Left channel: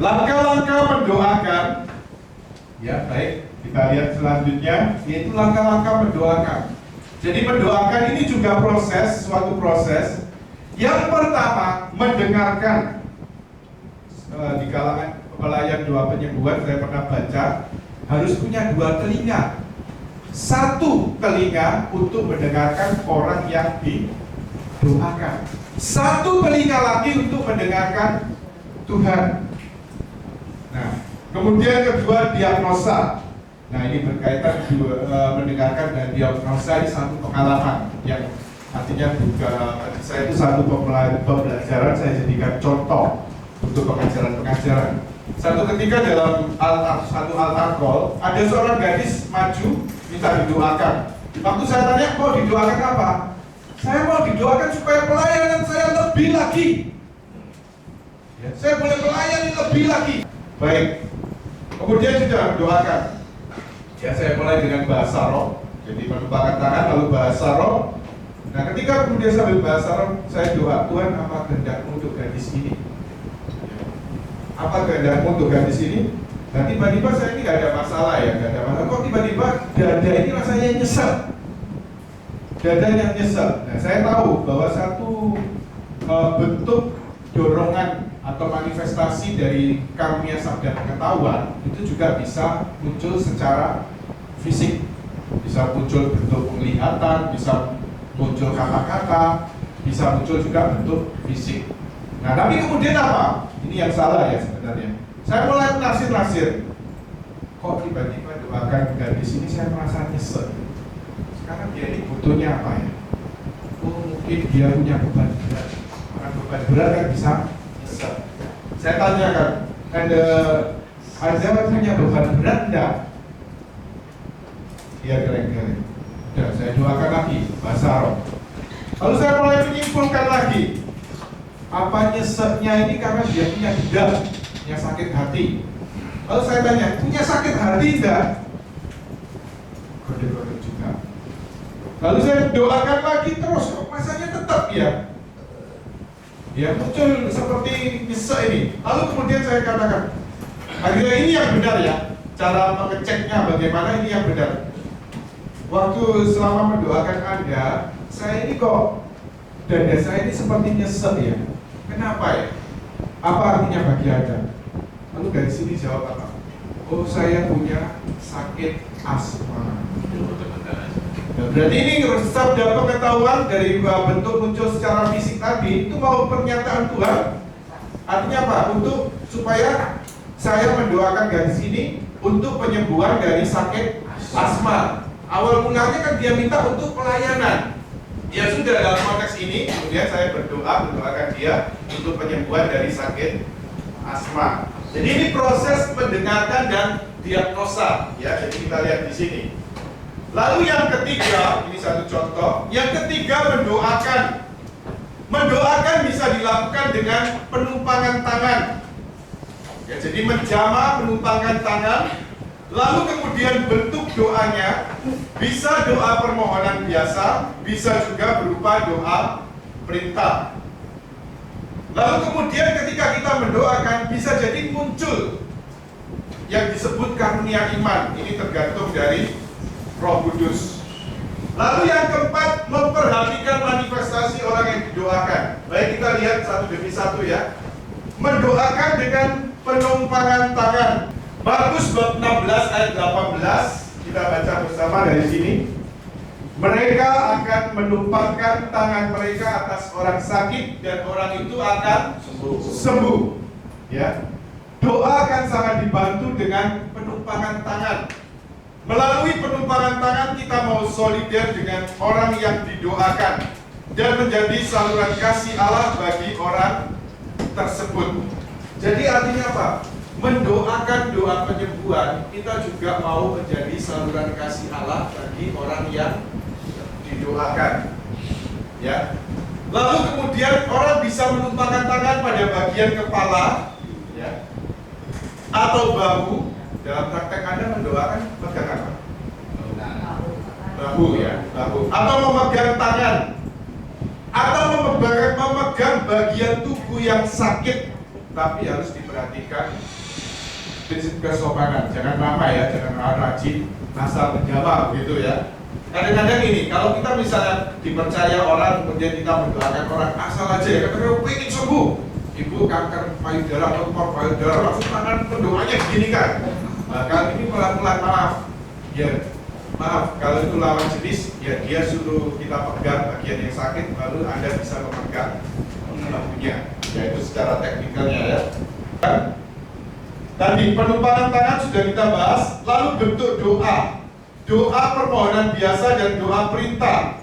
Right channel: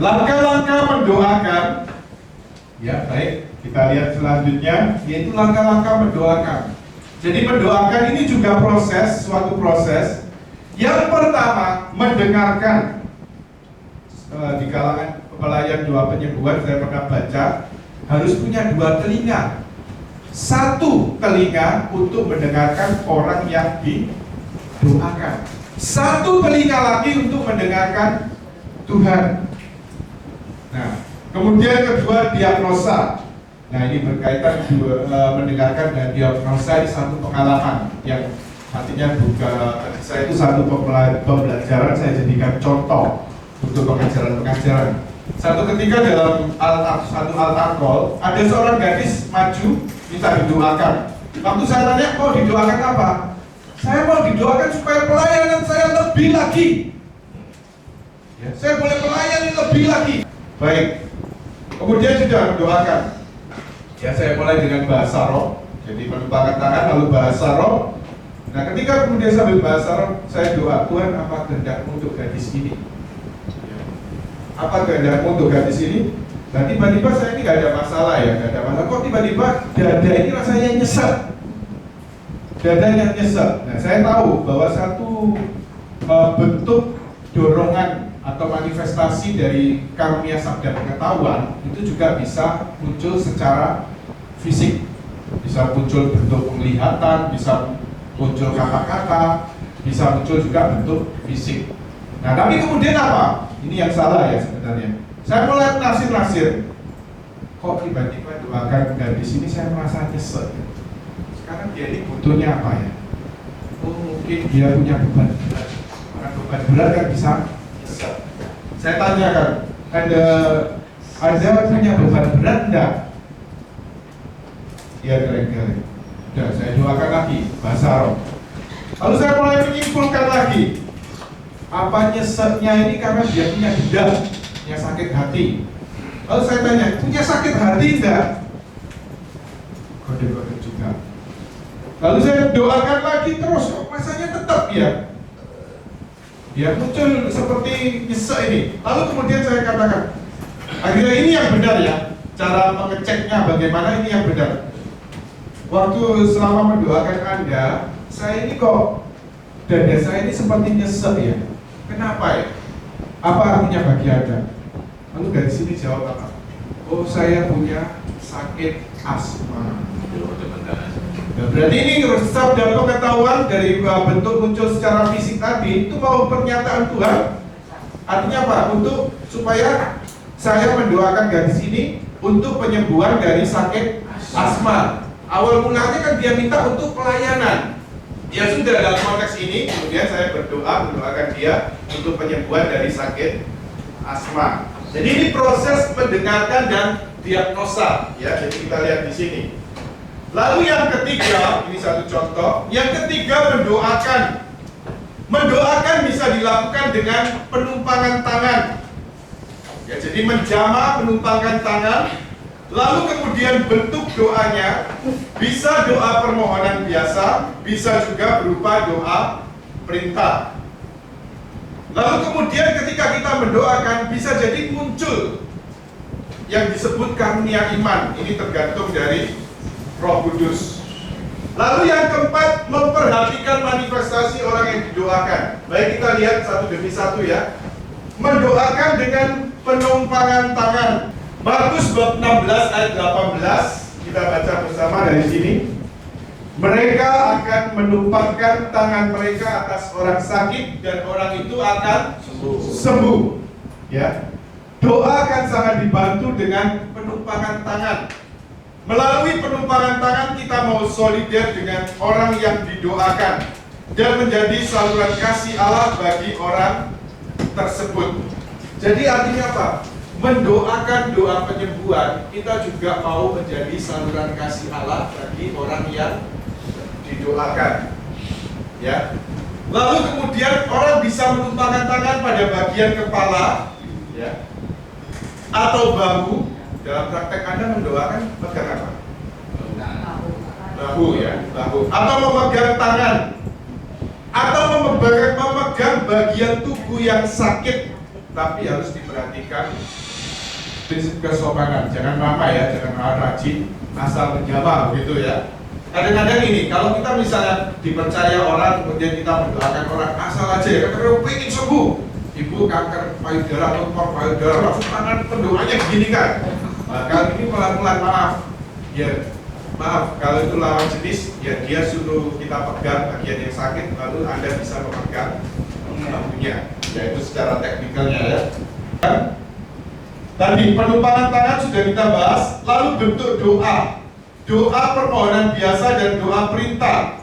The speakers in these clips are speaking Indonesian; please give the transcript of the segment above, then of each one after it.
Langkah-langkah mendoakan, ya baik, kita lihat selanjutnya, yaitu langkah-langkah mendoakan. Jadi mendoakan ini juga proses, suatu proses. Yang pertama, mendengarkan. Di kalangan pelayan doa penyembuhan saya pernah baca, harus punya dua telinga. Satu telinga untuk mendengarkan orang yang didoakan. Satu telinga lagi untuk mendengarkan Tuhan. Nah, kemudian kedua, diagnosa. Nah, ini berkaitan mendengarkan dan diagnosa, ini satu pengalaman yang artinya saya itu satu pembelajaran saya jadikan contoh untuk pengajaran-pengajaran. Satu ketika dalam satu altar call, ada seorang gadis maju minta didoakan. Waktu saya tanya, mau didoakan apa? Saya mau didoakan supaya pelayanan saya lebih lagi. Ya, saya boleh melayani lebih lagi. Baik. Kemudian sudah mendoakan. Ya, saya mulai dengan bahasa roh. Jadi menumpahkan tangan lalu bahasa roh. Nah, ketika kemudian sambil bahasa roh, saya doa, Tuhan, apa kehendakmu untuk gadis ini? Ya. Apa kehendakmu untuk gadis ini? Nah, tiba-tiba saya ini nggak ada masalah ya, nggak ada masalah. Kok tiba-tiba dada ini rasanya nyesek? Dadanya nyesek. Nah, saya tahu bahwa satu bentuk dorongan atau manifestasi dari karunia sabda pengetahuan itu juga bisa muncul secara fisik, bisa muncul bentuk penglihatan, bisa muncul kata-kata, bisa muncul juga bentuk fisik. Nah, tapi kemudian apa? Ini yang salah ya sebenarnya. Saya mulai nasir-nasir, kok tiba-tiba doakan gadis ini saya merasa nyesel. Sekarang dia ini butuhnya apa ya? Oh, mungkin dia punya beban berat. Karena beban berat kan bisa nyesel. Saya tanyakan, Anda punya beban berat enggak? Iya, geleng-geleng. Udah, saya doakan lagi, bahasa roh. Lalu saya mulai menyimpulkan lagi, apa nyeseknya ini karena dia punya dendam, punya sakit hati. Lalu saya tanya, punya sakit hati enggak? Kode-kode juga. Lalu saya doakan lagi terus, kok masanya tetap ya? Ya muncul seperti nyesek ini. Lalu kemudian saya katakan, akhirnya ini yang benar ya, cara mengeceknya bagaimana ini yang benar. Waktu selama mendoakan Anda, saya ini kok dada saya ini seperti nyesek ya. Kenapa ya? Apa artinya bagi Anda? Lalu dari sini jawab apa? Oh, saya punya sakit asma. Nah, berarti ini sabda pengetahuan dari bentuk muncul secara fisik tadi itu mau pernyataan Tuhan. Artinya apa? Untuk supaya saya mendoakan gadis ini untuk penyembuhan dari sakit asma. Awal mulanya kan dia minta untuk pelayanan. Ya sudah, dalam konteks ini kemudian saya mendoakan dia untuk penyembuhan dari sakit asma. Jadi ini proses mendengarkan dan diagnosa ya. Jadi kita lihat di sini. Lalu yang ketiga, ini satu contoh. Yang ketiga, mendoakan. Mendoakan bisa dilakukan dengan penumpangan tangan. Ya, jadi menjamah, menumpangkan tangan. Lalu kemudian bentuk doanya bisa doa permohonan biasa, bisa juga berupa doa perintah. Lalu kemudian ketika kita mendoakan bisa jadi muncul yang disebut karunia iman. Ini tergantung dari Roh Kudus. Lalu yang keempat, memperhatikan manifestasi orang yang didoakan. Baik, kita lihat satu demi satu ya. Mendoakan dengan penumpangan tangan. Markus bab 16 ayat 18, kita baca bersama dari sini. Mereka akan menumpangkan tangan mereka atas orang sakit dan orang itu akan sembuh. Ya. Doa akan sangat dibantu dengan penumpangan tangan. Melalui penumpangan tangan kita mau solider dengan orang yang didoakan dan menjadi saluran kasih Allah bagi orang tersebut. Jadi artinya apa? Mendoakan doa penyembuhan, kita juga mau menjadi saluran kasih Allah bagi orang yang didoakan. Ya. Lalu kemudian orang bisa menumpangkan tangan pada bagian kepala, ya, atau bahu. Dalam praktek Anda mendoakan pegang apa? Bahu ya, bahu. Atau memegang tangan, atau memegang bagian tubuh yang sakit. tetapi harus diperhatikan prinsip kesopanan. Jangan lama ya, jangan rajin asal menjama begitu ya. Kadang-kadang ini, kalau kita misalnya dipercaya orang, kemudian kita mendoakan orang asal aja ya, karena pengen sembuh. Ibu kanker payudara atau tumor payudara, langsung tangan pendoanya begini kan. Nah, kali ini pelan-pelan, maaf. Ya, maaf, kalau itu lawan jenis, ya dia suruh kita pegang bagian yang sakit, lalu Anda bisa memegang lampunya. Ya itu secara teknikalnya ya. Kan? Tadi penumpangan tangan sudah kita bahas, lalu bentuk doa. Doa permohonan biasa dan doa perintah.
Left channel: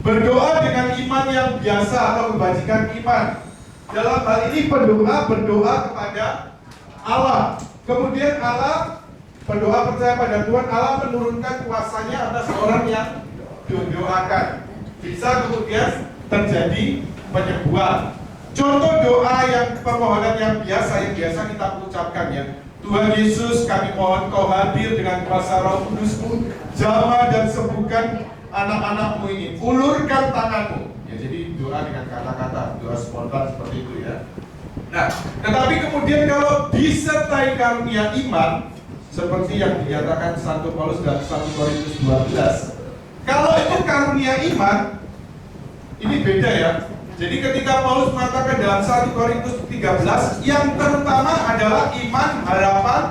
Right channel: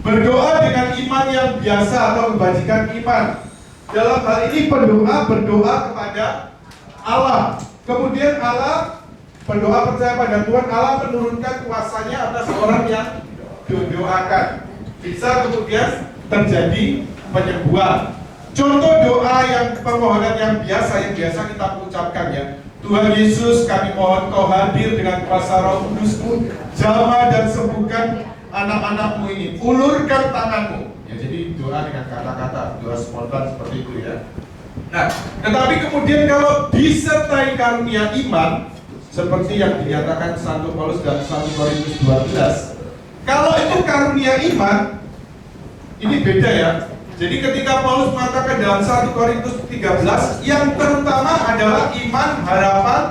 Berdoa dengan iman yang biasa atau kebajikan iman. Dalam hal ini pendoa berdoa kepada Allah. Kemudian Allah berdoa percaya pada Tuhan, Allah menurunkan kuasanya atas orang yang didoakan. Bisa kemudian terjadi penyembuhan. Contoh doa yang permohonan yang biasa kita ucapkan ya. Tuhan Yesus, kami mohon Kau hadir dengan kuasa Roh Kudus-Mu, jamah dan sembuhkan anak-anak-Mu ini. Ulurkan tangan-Mu. Ya, jadi doa dengan kata-kata, doa spontan seperti itu ya. Nah, tetapi kemudian kalau disertai karunia iman, seperti yang dinyatakan Santo Paulus dan 1 Korintus 12, kalau itu karunia iman, ini beda ya. Jadi ketika Paulus mengatakan dalam 1 Korintus 13, yang terutama adalah iman, harapan,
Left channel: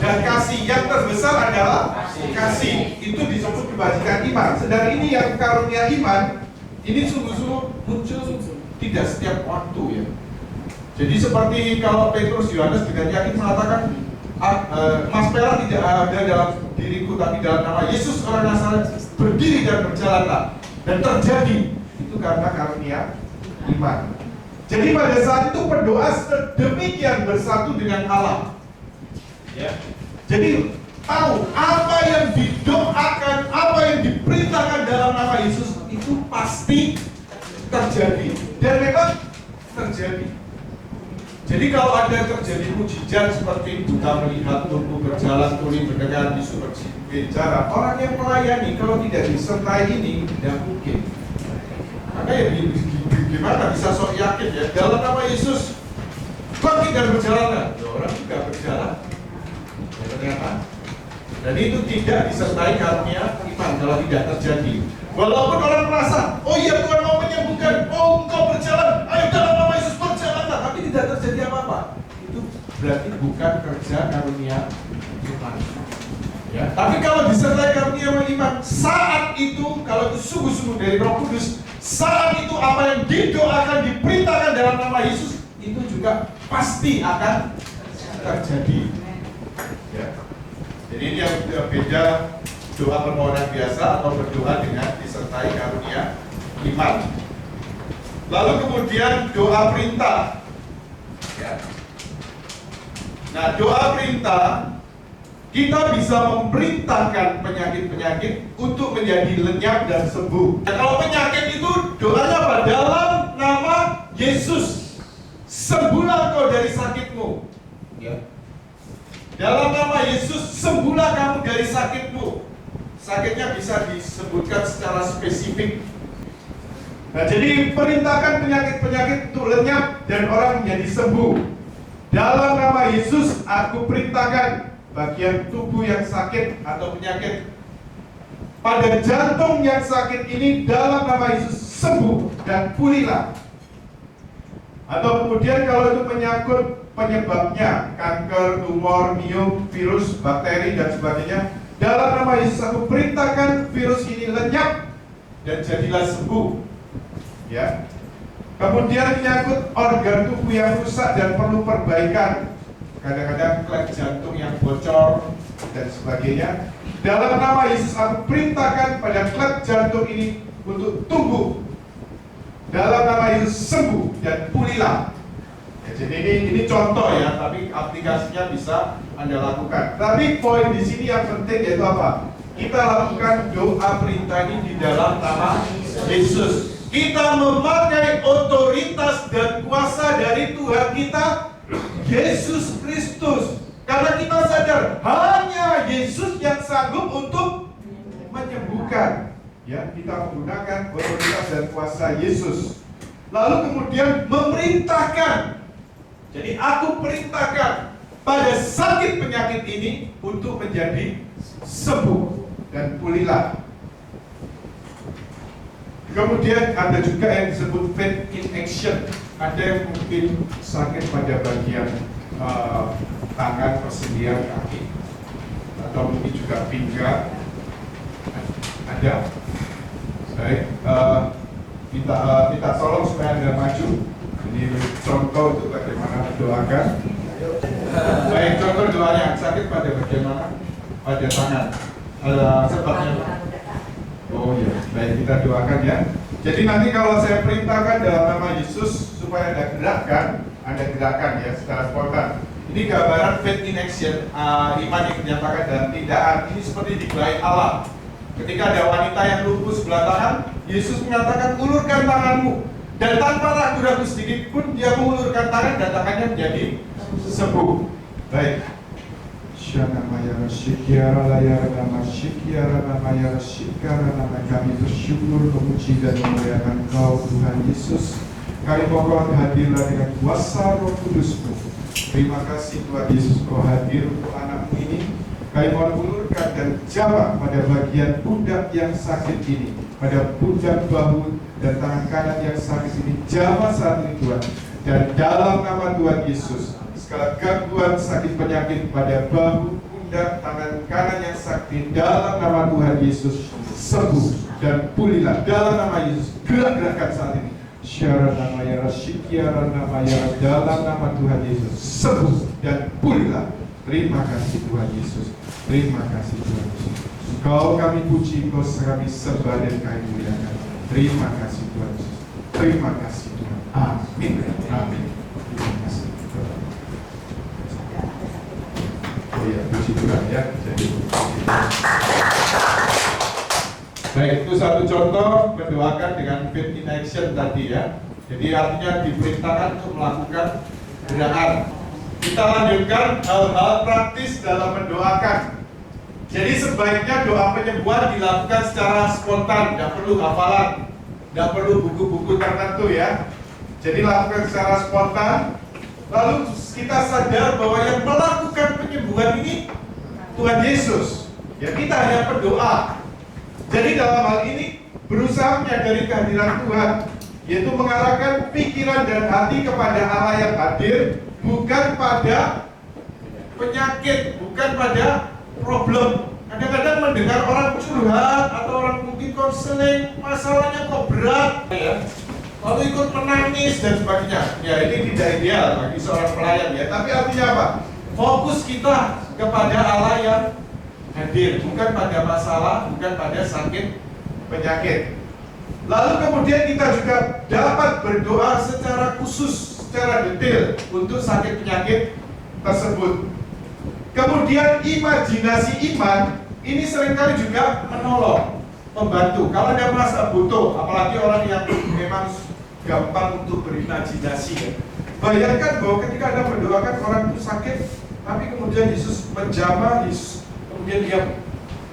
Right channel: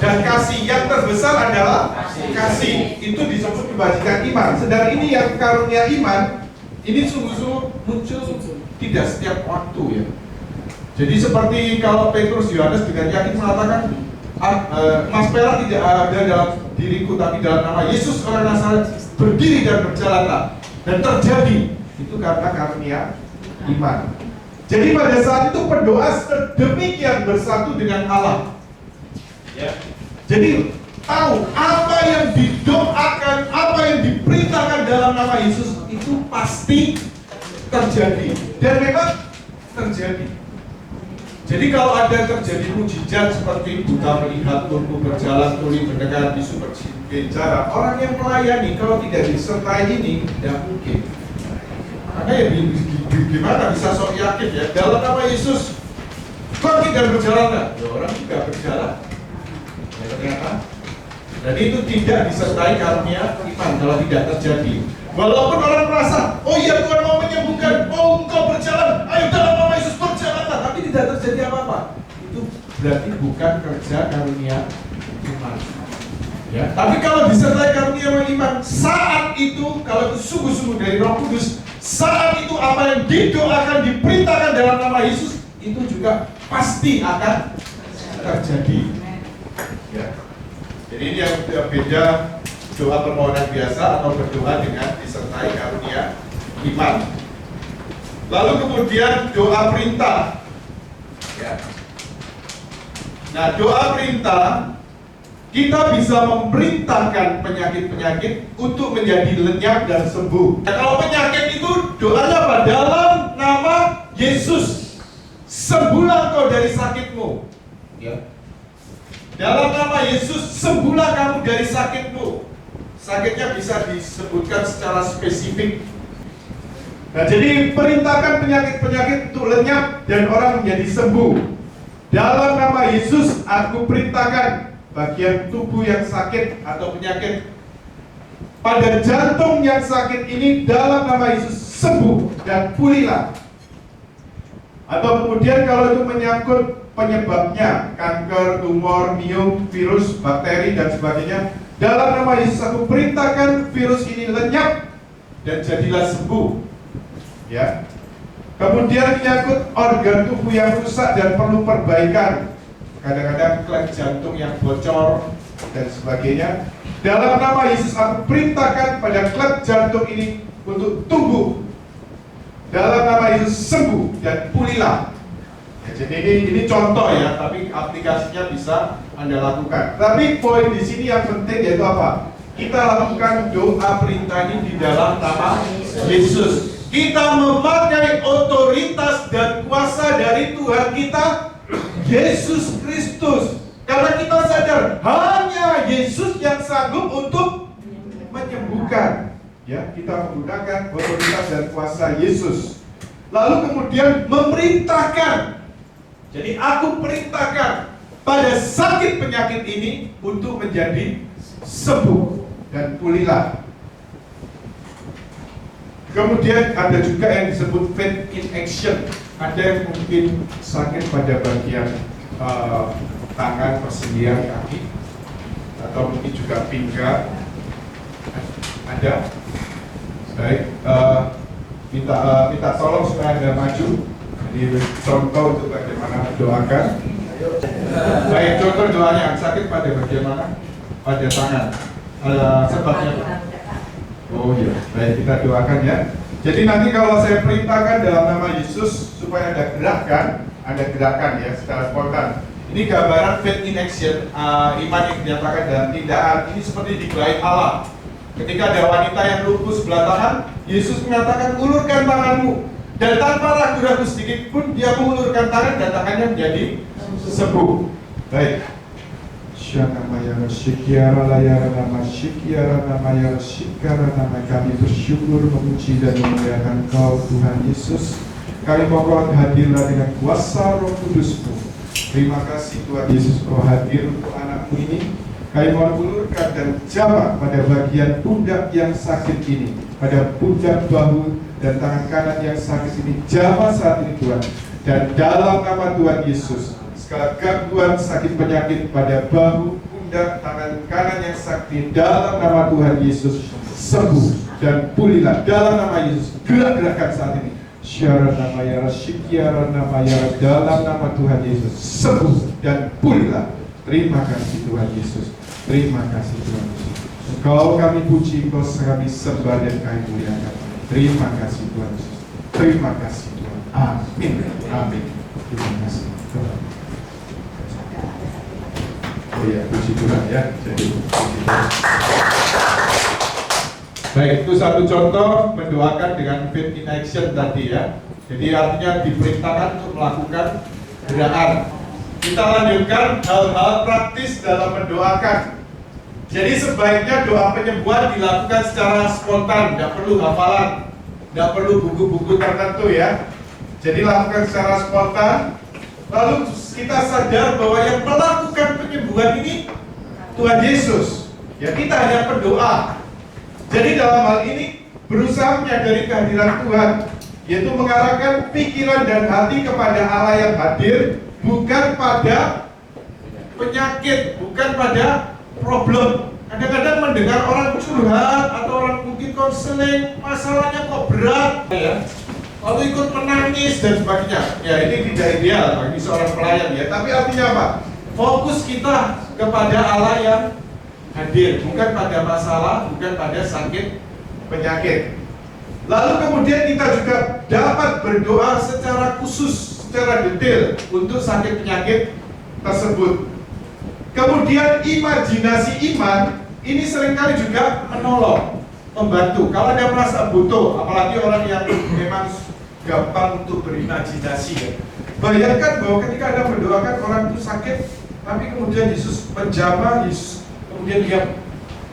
dan kasih. Yang terbesar adalah kasih. Itu disebut kebajikan iman. Sedang ini yang karunia iman, ini sungguh-sungguh muncul tidak setiap waktu ya. Jadi seperti kalau Petrus Yohanes dengan yakin mengatakan, Mas perak tidak ada dalam diriku, tapi dalam nama Yesus orang Nazaret berdiri dan berjalanlah. Dan terjadi. Itu karena karunia iman. Jadi pada saat itu berdoa sedemikian bersatu dengan Allah. Ya. Jadi tahu apa yang didoakan, apa yang diperintahkan dalam nama Yesus itu pasti terjadi. Dan memang terjadi. Jadi kalau ada terjadi mujizat seperti buta melihat, lumpuh berjalan, tuli mendengar, bisu berbicara, orang yang melayani kalau tidak disertai ini tidak mungkin. Maka ya gimana bisa sok yakin ya dalam nama Yesus bangkit dan berjalan, ya orang juga berjalan ya ternyata. Dan itu tidak disertai karunia iman kalau tidak terjadi. Walaupun orang merasa, oh iya Tuhan mau menyembuhkan, oh engkau berjalan, ayo dalam nama Yesus berjalanlah, tapi tidak terjadi apa-apa. Itu berarti bukan kerja karunia iman. Ya, tapi kalau disertai karunia iman, saat itu kalau itu sungguh-sungguh dari Roh Kudus, saat itu apa yang didoakan, diperintahkan dalam nama Yesus itu juga pasti akan terjadi. Ya. Jadi ini yang beda doa permohonan biasa atau berdoa dengan disertai karunia iman. Lalu kemudian doa perintah. Ya. Nah, doa perintah kita bisa memerintahkan penyakit-penyakit untuk menjadi lenyap dan sembuh. Nah, kalau penyakit itu doanya apa? Dalam nama Yesus, sembuhlah kau dari sakitmu. Ya. Dalam nama Yesus, sembuhlah kamu dari sakitmu. Sakitnya bisa disebutkan secara spesifik. Nah, jadi perintahkan penyakit-penyakit untuk lenyap dan orang menjadi sembuh. Dalam nama Yesus, aku perintahkan bagian tubuh yang sakit atau penyakit pada jantung yang sakit ini dalam nama Yesus sembuh dan pulihlah. Atau kemudian kalau itu menyangkut penyebabnya kanker, tumor, miom, virus, bakteri dan sebagainya, dalam nama Yesus aku perintahkan virus ini lenyap dan jadilah sembuh. Ya. Kemudian menyangkut organ tubuh yang rusak dan perlu perbaikan. Kadang-kadang klep jantung yang bocor dan sebagainya. Dalam nama Yesus aku perintahkan pada klep jantung ini untuk tumbuh. Dalam nama Yesus sembuh dan pulihlah. Ya, jadi ini contoh ya, tapi aplikasinya bisa Anda lakukan. Tapi poin di sini yang penting yaitu apa? Kita lakukan doa perintah ini di dalam nama Yesus. Kita memakai otoritas dan kuasa dari Tuhan kita Yesus Kristus. Karena kita sadar hanya Yesus yang sanggup untuk menyembuhkan. Ya, kita menggunakan otoritas dan kuasa Yesus. Lalu kemudian memerintahkan Jadi aku perintahkan pada sakit penyakit ini untuk menjadi sembuh dan pulihlah. Kemudian ada juga yang disebut faith in action. Ada yang mungkin sakit pada bagian tangan, persendian kaki, atau mungkin juga pinggang. Ada. Baik, minta tolong supaya Anda maju. Ini contoh untuk bagaimana mendoakan. Baik, contoh doanya sakit pada bagian mana? Pada tangan. Sebabnya. Oh iya, baik, kita doakan ya. Jadi nanti kalau saya perintahkan dalam nama Yesus supaya Anda gerakan ya secara spontan. Ini gambaran faith in action, iman yang dinyatakan dalam tindakan. Ini seperti digerai Allah. Ketika ada wanita yang lumpuh sebelah tangan, Yesus mengatakan ulurkan tanganmu. Dan tanpa ragu-ragu sedikit pun dia mengulurkan tangan dan tangannya menjadi sembuh. Baik. Kami bersyukur, memuji dan memuliakan Kau Tuhan Yesus. Kami mohon hadirlah dengan kuasa Roh Kudus-Mu. Terima kasih Tuhan Yesus, Kau hadir untuk anak-Mu ini. Kami mohon ulurkan dan jamah pada bagian pundak yang sakit ini, pada pundak bahu dan tangan kanan yang sakit ini, jamah saat ini Tuhan. Dan dalam nama Tuhan Yesus, segala gangguan sakit penyakit pada bahu, pundak, tangan kanan yang sakit, dalam nama Tuhan Yesus sembuh dan pulihlah. Dalam nama Yesus, gerak-gerakan saat ini. Syaranamaya Rasyikiaranamaya, dalam nama Tuhan Yesus sembuh dan pulihlah. Terima kasih Tuhan Yesus. Terima kasih Tuhan Yesus. Engkau kami puji, Engkau kami sembah dan kami muliakan. Terima kasih Tuhan Yesus. Terima kasih Tuhan. Amin. Amin. Terima kasih. Oh ya, puji Tuhan ya. Jadi puji Tuhan. Baik, itu satu contoh mendoakan dengan faith in action tadi ya. Jadi artinya diperintahkan untuk melakukan gerakan. Kita lanjutkan hal-hal praktis dalam mendoakan. Jadi sebaiknya doa penyembuhan dilakukan secara spontan, tidak perlu hafalan, tidak perlu buku-buku tertentu ya. Jadi lakukan secara spontan. Lalu kita sadar bahwa yang melakukan penyembuhan ini Tuhan Yesus. Ya, kita hanya pendoa. Jadi dalam hal ini berusaha menyadari kehadiran Tuhan, yaitu mengarahkan pikiran dan hati kepada Allah yang hadir, bukan pada penyakit, bukan pada problem. Kadang-kadang mendengar orang curhat atau orang mungkin konseling, masalahnya kok berat ya, lalu ikut menangis dan sebagainya. Ya, ini tidak ideal bagi seorang pelayan ya. Tapi artinya apa? Fokus kita kepada Allah yang hadir, bukan pada masalah, bukan pada sakit penyakit. Lalu kemudian kita juga dapat berdoa secara khusus, secara detail untuk sakit penyakit tersebut. Kemudian imajinasi iman ini seringkali juga menolong, membantu. Kalau Anda merasa butuh, apalagi orang yang memang gampang untuk berimajinasi ya. Bayangkan bahwa ketika Anda mendoakan orang itu sakit, tapi kemudian Yesus menjamah, kemudian dia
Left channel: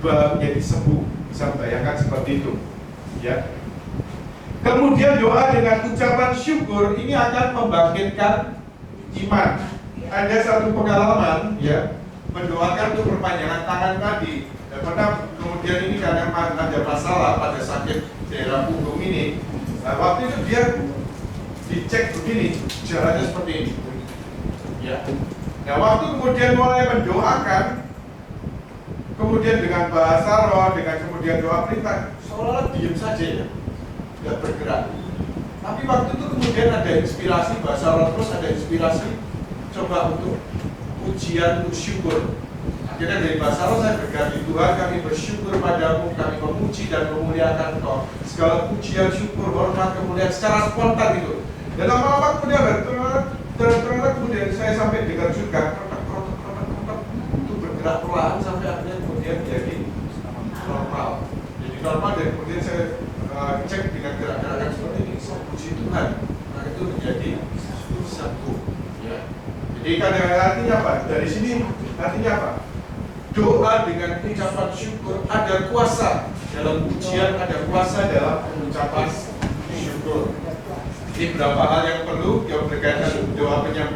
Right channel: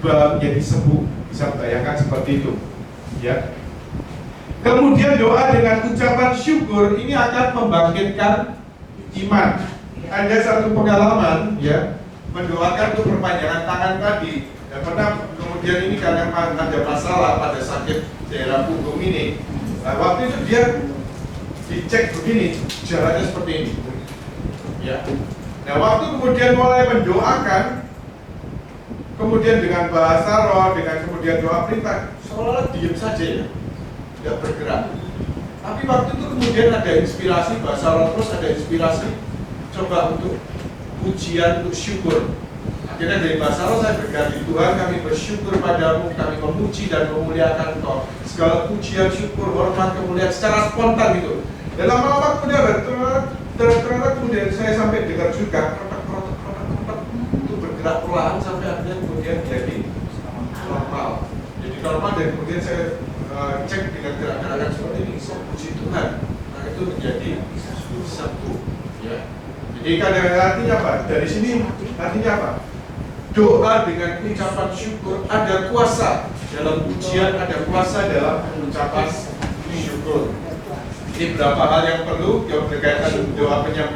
menjadi sembuh. Bisa bayangkan seperti itu ya. Kemudian doa dengan ucapan syukur ini akan membangkitkan iman. Ada satu pengalaman ya, mendoakan untuk perpanjangan tangan tadi. Dan pernah kemudian ini karena ada masalah pada sakit daerah punggung ini. Waktu itu dia dicek begini, jalannya seperti ini. Ya. Nah, waktu kemudian mulai mendoakan, kemudian dengan bahasa roh, dengan kemudian doa perintah, seolah-olah diam saja ya, tidak bergerak. Tapi waktu itu kemudian ada inspirasi bahasa roh, terus ada inspirasi coba untuk pujian, untuk syukur. Akhirnya dari bahasa roh saya berkati, Tuhan kami bersyukur padamu, kami memuji dan memuliakan Kau. Segala pujian, syukur, hormat, kemuliaan secara spontan gitu. Dan lama-lama kemudian ternyata kemudian saya sampai dengar juga krotek itu bergerak perlahan sampai akhirnya kemudian jadi normal. Jadi normal dan kemudian saya cek dengan gerakan seperti ini, puji Tuhan. Nah itu menjadi sembuh. Ya. Jadi kadang-kadang artinya apa? Dari sini artinya apa? Doa dengan ucapan syukur, ada kuasa dalam pujian, ada kuasa dalam ucapan syukur. Ini beberapa hal yang perlu yang berkaitan dengan doa penyembuhan.